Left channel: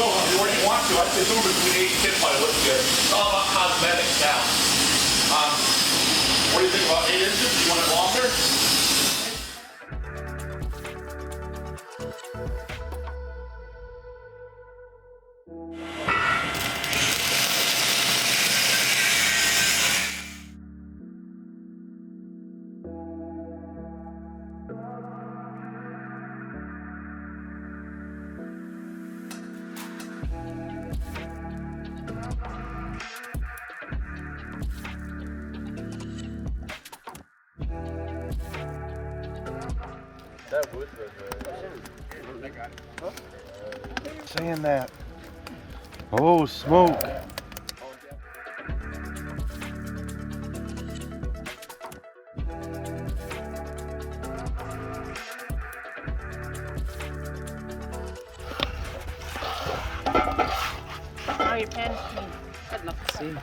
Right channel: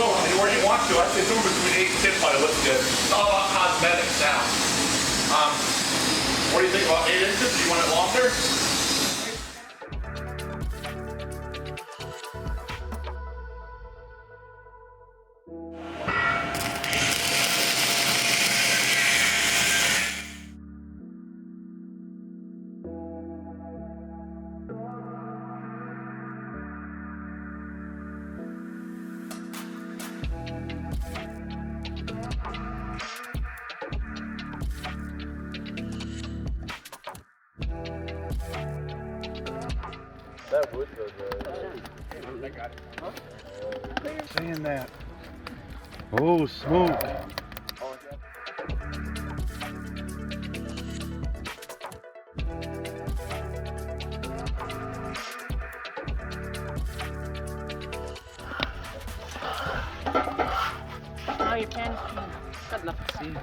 go anywhere you want to. I'd say somewhere between 8 and 10 probably looks good. It's all about cosmetics now. What do you think about 8 inches? Do you want it longer? Saying that. Oh, smoke. Now your pan. Good luck. See.